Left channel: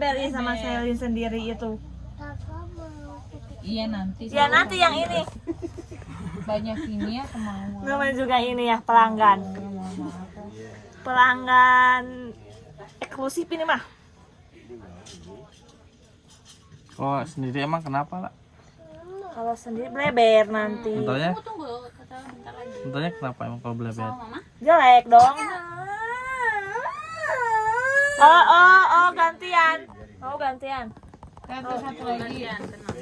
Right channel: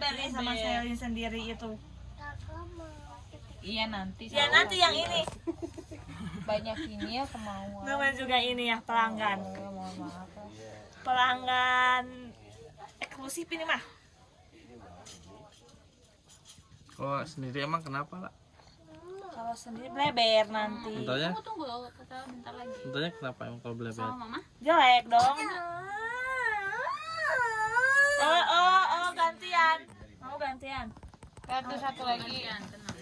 Dari sama Selin sendiri itu. Iya nanti. Ya nanti yang ini. Banyak ini ya kemauan. Namanya juga ini ya pelanggan. Pelanggan eksklusif ini mah. Oh sendiri emang kenapa lah? Kalau sendiri bleber nanti. Contohnya? Tunggu, bentar lagi. Contohnya kenapa emang kalau belajar? Sama mama. Jelek dong. Oh gantian. Oh gantian. Satu lagi.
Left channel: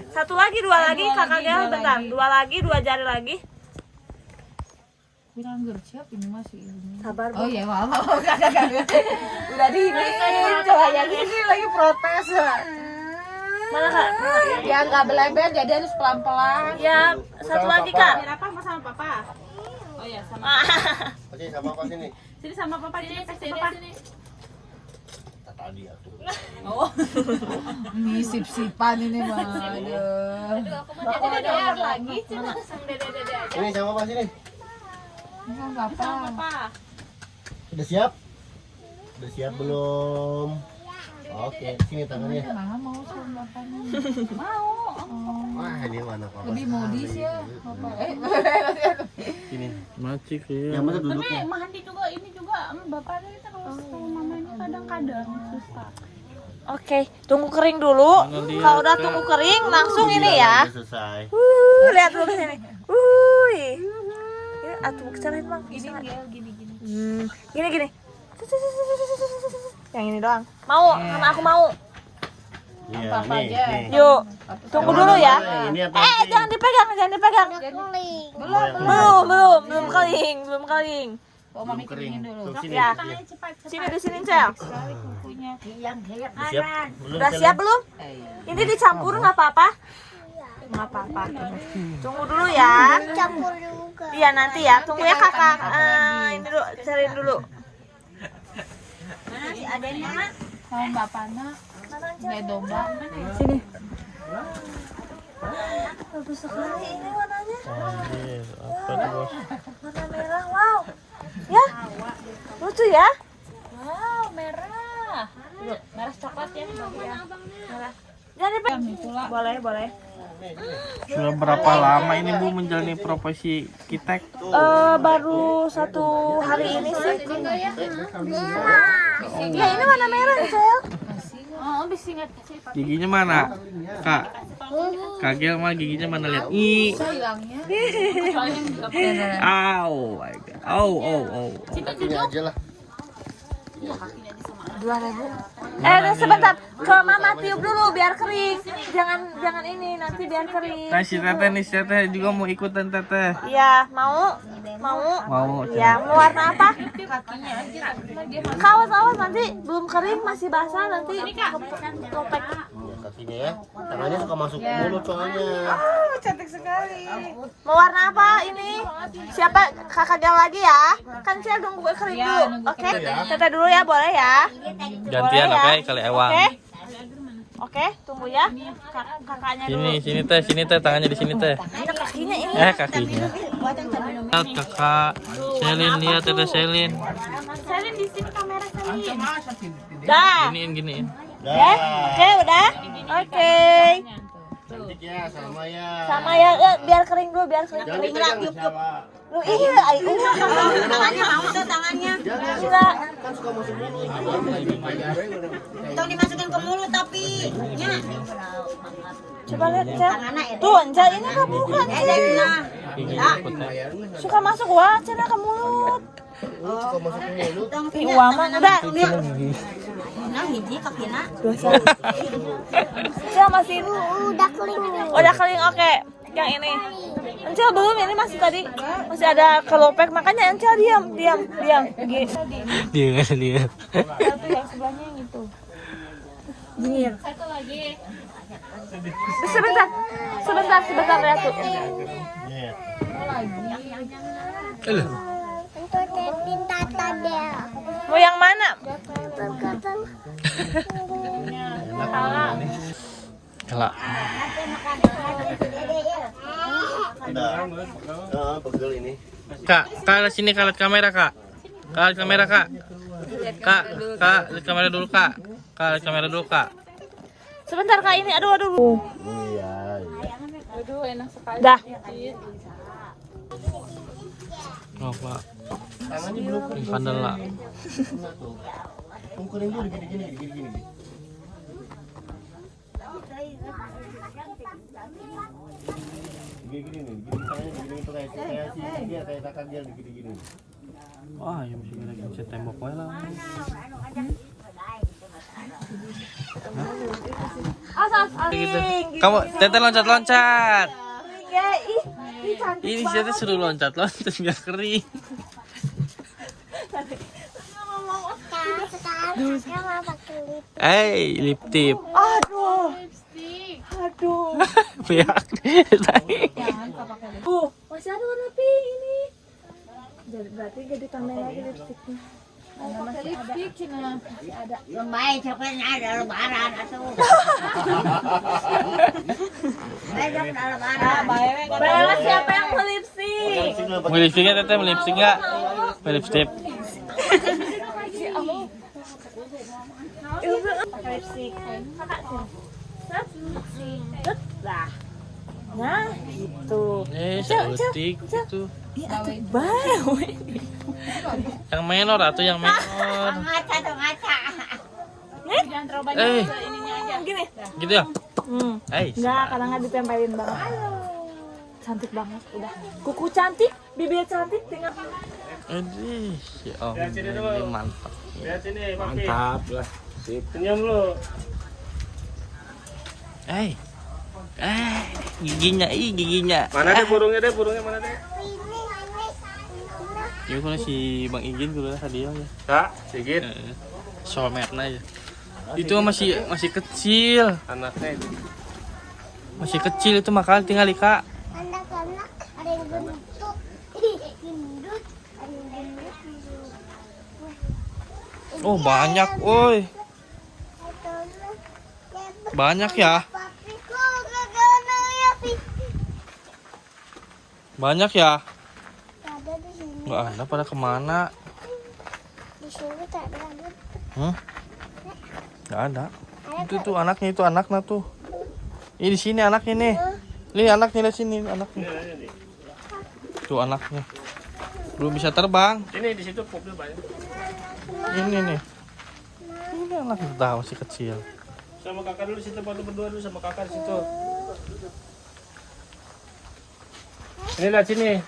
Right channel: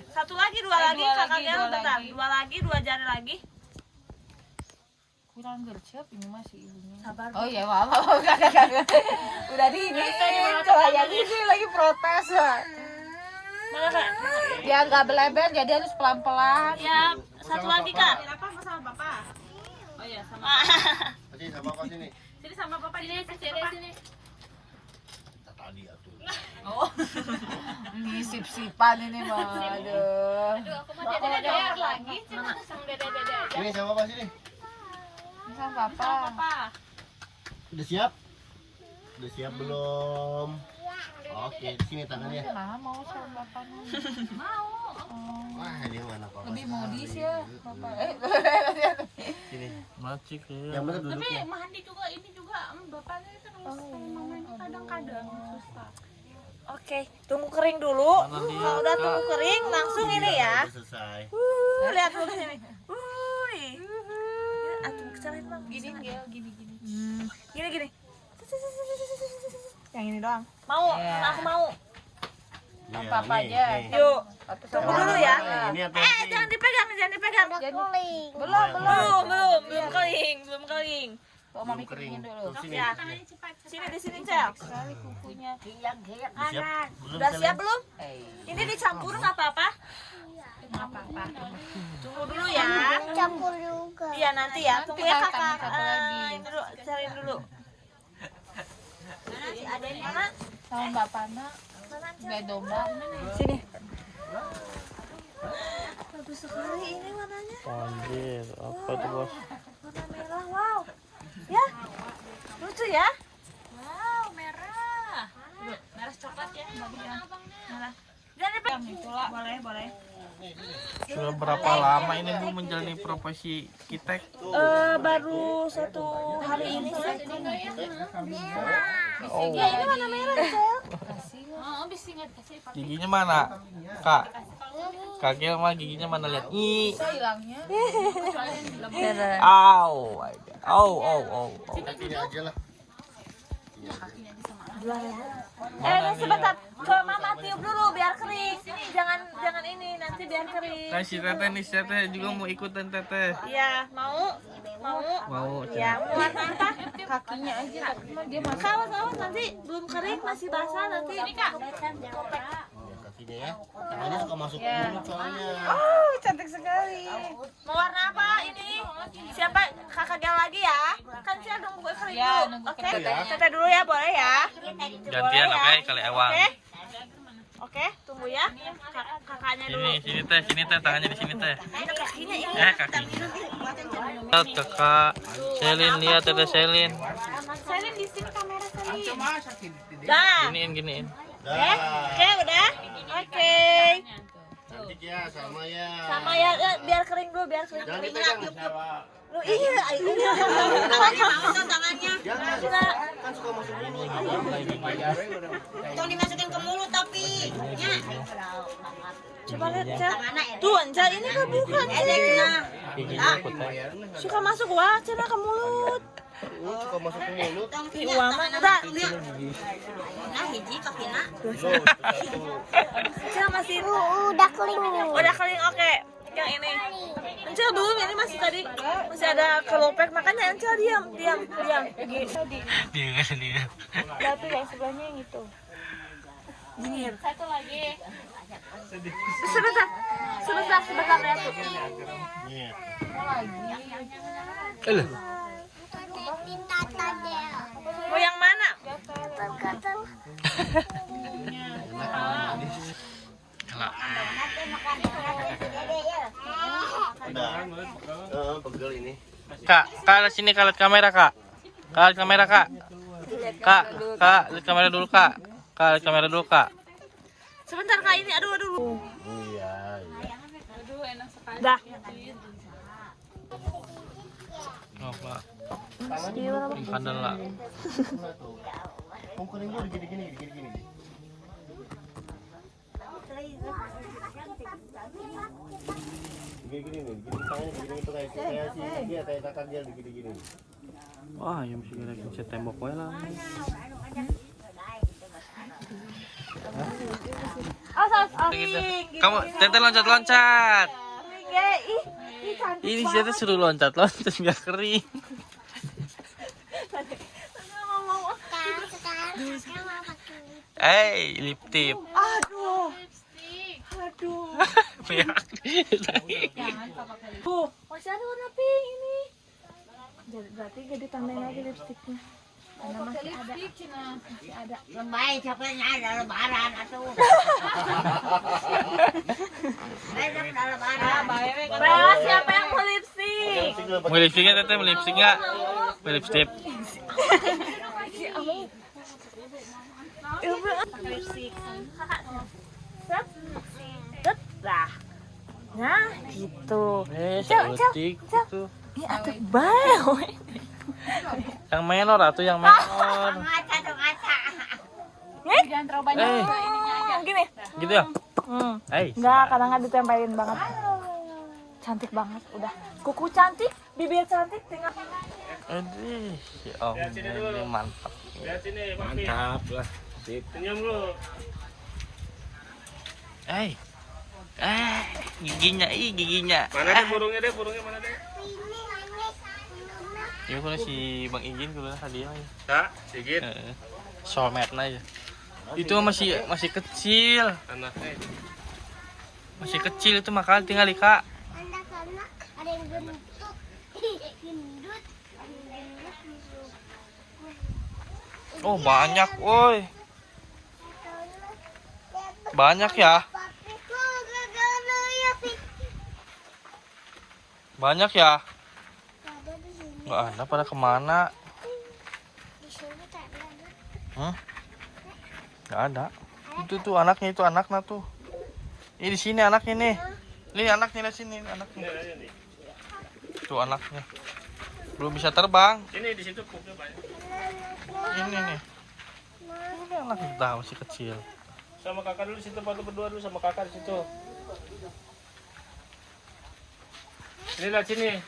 Satu lagi, dua lagi, kakak Gel bentar. Dua lagi, dua jari lagi. Bilang gercep ini masih ini. Sabar, Oh Bu. iya, mama. Udah di ini ini lagi protes ya. Mana Kak? Ya nggak beleber jadi harus pelan-pelan. Ya, satu lagi Kak. Apa sama papa? Oh iya sama. Oke, sama apa sini? Sini sama papa ini kasih sini. Tadi atuh. Oh. Ini sip-sipan ini mah. Aduh. Aku mau dede lagi. Ini sama apa sini? Sama papa. Udah siap? Udah siap belum? Oke, sini tangannya. Mau sama papa. Mau. Wah, ini mana papa? Lebih modis ya. Papa. Sini. Macik ya. Yang mana Tapi duduknya? Mahandi juga ini juga bapaknya itu kalau mamanya kadang-kadang susah. Oke, tunggu kering dulu. Mana lihat, Kalau udah Kak? tunggu kering, langsung ini Bilang ya. udah selesai. Lihat dulu sini. Ini atuh kecelain Bang. Gini gel, gini. Gini. Yang ini doang. Mau, karena aku mau. Iya, nih. Yuk, tunggu dulu ya. Ini apa? Jangan dipegang. Belum. Belum kering. Belum kering. Tuh sini. Ya. Sini. Sini di sini, Cel. Kukunya. Udah siap? Belum Udah Selin? siap belum? Ini dicampur nggak apa-apa? Nggak apa-apa. Tunggu dulu ya. Campur juga. Iya nanti ya. Tunggu ya kakak. Ini dulu, cariin dulu. Mau bapaknya beli domba. Sini. Bagus sekali ini warnanya. Anjir, apa tuh bos? Warna merah. Wow. Ya. Lucu ya. Wow, merah. Merah coklat ya. Merah. Jangan dipegang. Boleh. Sudah berapa lama ini Bu menjalani profesi arsitek? Baru 1 hari ini sih. Ya ini warna merah nih, Cel. Oh, bisa nggak kasih Giginya mana? Kak. Kak Gel mah giginya mana lihat? sayangnya. Au. My God. Oh. Ini aja lah. Sebentar. Ke Mama tiup dulu biar kering. Jangan ini nanti biar kering. Nah si Teteh nih, si Teteh juga mau ikutan Teteh. Iya, mau. Mau. Ya, mau warna apa? Awas nanti belum kering masih basah nanti. Kopek. Kakinya ya. Tangannya suka masuk mulut soalnya. Mau warna apa ini? Siapa? Kakak Gel lagi ya? Kan saya nunggu kering dulu. Oke. Teteh dulu ya, boleh ya? Gantian oke kali Ewang. Oke, tunggu ya. Kakaknya dulu. Sini teh tangannya di sini teh. Kakinya ini. Kakinya. Lihat kakak Selin, lihat Teteh Selin. Selin di sini kamera Selin. Dah. Giniin. Dah. Oke, udah. Oke. Cantik ya, sama ya. Sama ya, biar kering dulu, biar kering. Jangan dipegang sama. Iya, ini tangannya. Jangan. Enggak. Kan suka masuk gini. Tolong dimasukin ke mulut tapi nya. Coba lihat, Cel. Tuh, Cel, ini kebuka nih. Giginya ikut teh. Suka masuk wah, Cel ke mulut. Suka masuk ke mulut. Wah, mah enggak. Nah, hiji kakina. Cel masih Udah kering. udah kering, oke. Yang ini. Encel belum, ini masih tadi masih ada kelopek, makanya Encel diam. Gitu. Dia nggak lihat. Tapi yang sebelahnya yang itu. Jingir. Satu lagi. Sebentar ya tuh. Nih. Untuk netin tata dia. Mau yang mana? Tergantung. Kalah. Udah. Pegel ini. Kak, lihat sini Kak, lihat kamera Kak. Kak, lihat kamera Kak. Kak, lihat kamera dulu Kak. Kak, lihat kamera dulu Kak. Sebentar Kak ini. Aduh. Iya, iya. Aduh, enak sekali. Dah. Oh, Pak. Tangannya belum kering. Pandal lah. Tunggu kering dulu gini-gini. Gini-gini nih, gini tangannya gini tuh kayak si dia kayak kakak dia gini-gini. Wah, yang mesti kena gencet tembok wae lah. Gitu. Kamu Teteh loncat-loncat. Ini siapa suruh loncat-loncat biar kering. Lip tip. Aduh. Biar. Masih ada warna pink ini. Berarti jadi tambahin lagi lipstiknya. Pakai lipstick Cina. Lembai coklatnya ada lebaran atau. Ada lebaran. Bella, siapa yang mau lipstik? Mau lipstiknya Teteh, mau lipstik nggak? Mau lipstik. Lipstik. Lah. Nah, gitu. Lipstik itu. Ya, bau. Yang menor atau yang menor. Ngaca tuh ngaca. Jangan terlalu banyak ininya aja. Gini. Gitu ya? Enggak, kadang nggak ditempelin banget. Cantik banget, udah. Kuku cantik, bibir cantik, tinggal. Aduh, si Om ini mantap. Mantap lah. Sip. Senyum lu. Giginya. Mana deh burungnya mana deh? Ya kan si Bang Ijin juga tadi ya. Tak, sedikit. Sometna aja. Itu masih kecil. Anaknya. Masih kecil itu makanya tinggal Ika. Anak-anak ada yang gendut, gendut, ada yang gendut. Oh, banyak, woi. Banyak ya? Papi tuh gagal ya sih. Banyak ya? Ada di sini, Nggak ada, pada kemana? di sini tak ada. Nggak ada. Itu anaknya, itu anaknya tuh. Ini di sini anaknya nih. Nih anaknya di sini, anaknya. Tuh anaknya. Belum bisa terbang. Ini di situ pupnya banyak. Ini nih. Ini anaknya tahu masih kecil. Sama kakak dulu situ, baru berdua dulu sama kakak di situ. Ini lihat sini.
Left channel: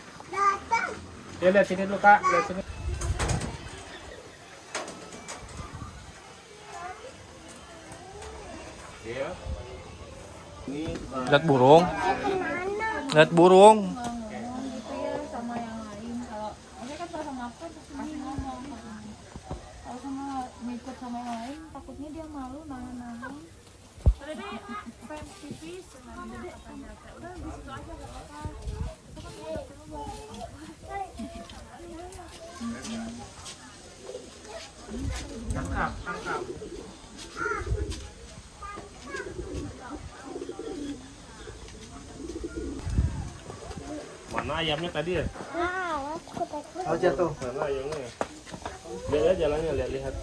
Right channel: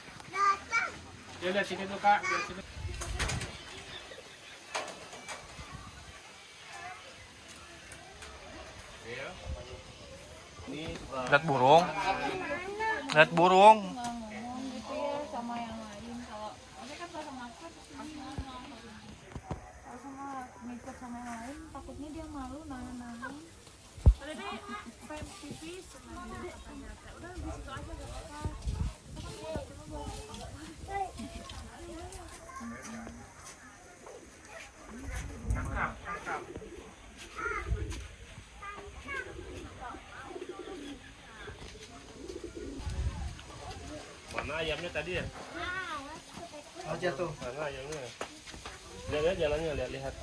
Ya lihat sini dulu kak, lihat sini. Ya. Ini Lihat burung. Lihat burung. Sama yang lain kalau saya kan kalau sama aku masih ngomong. Kalau sama ngikut sama yang lain takutnya dia malu nahan-nahan. Udah deh, pengen pipis. Udah di situ aja gak apa-apa. mana ayamnya tadi ya? Aja tuh. Mana ayamnya ya? Lihat jalannya, lihat.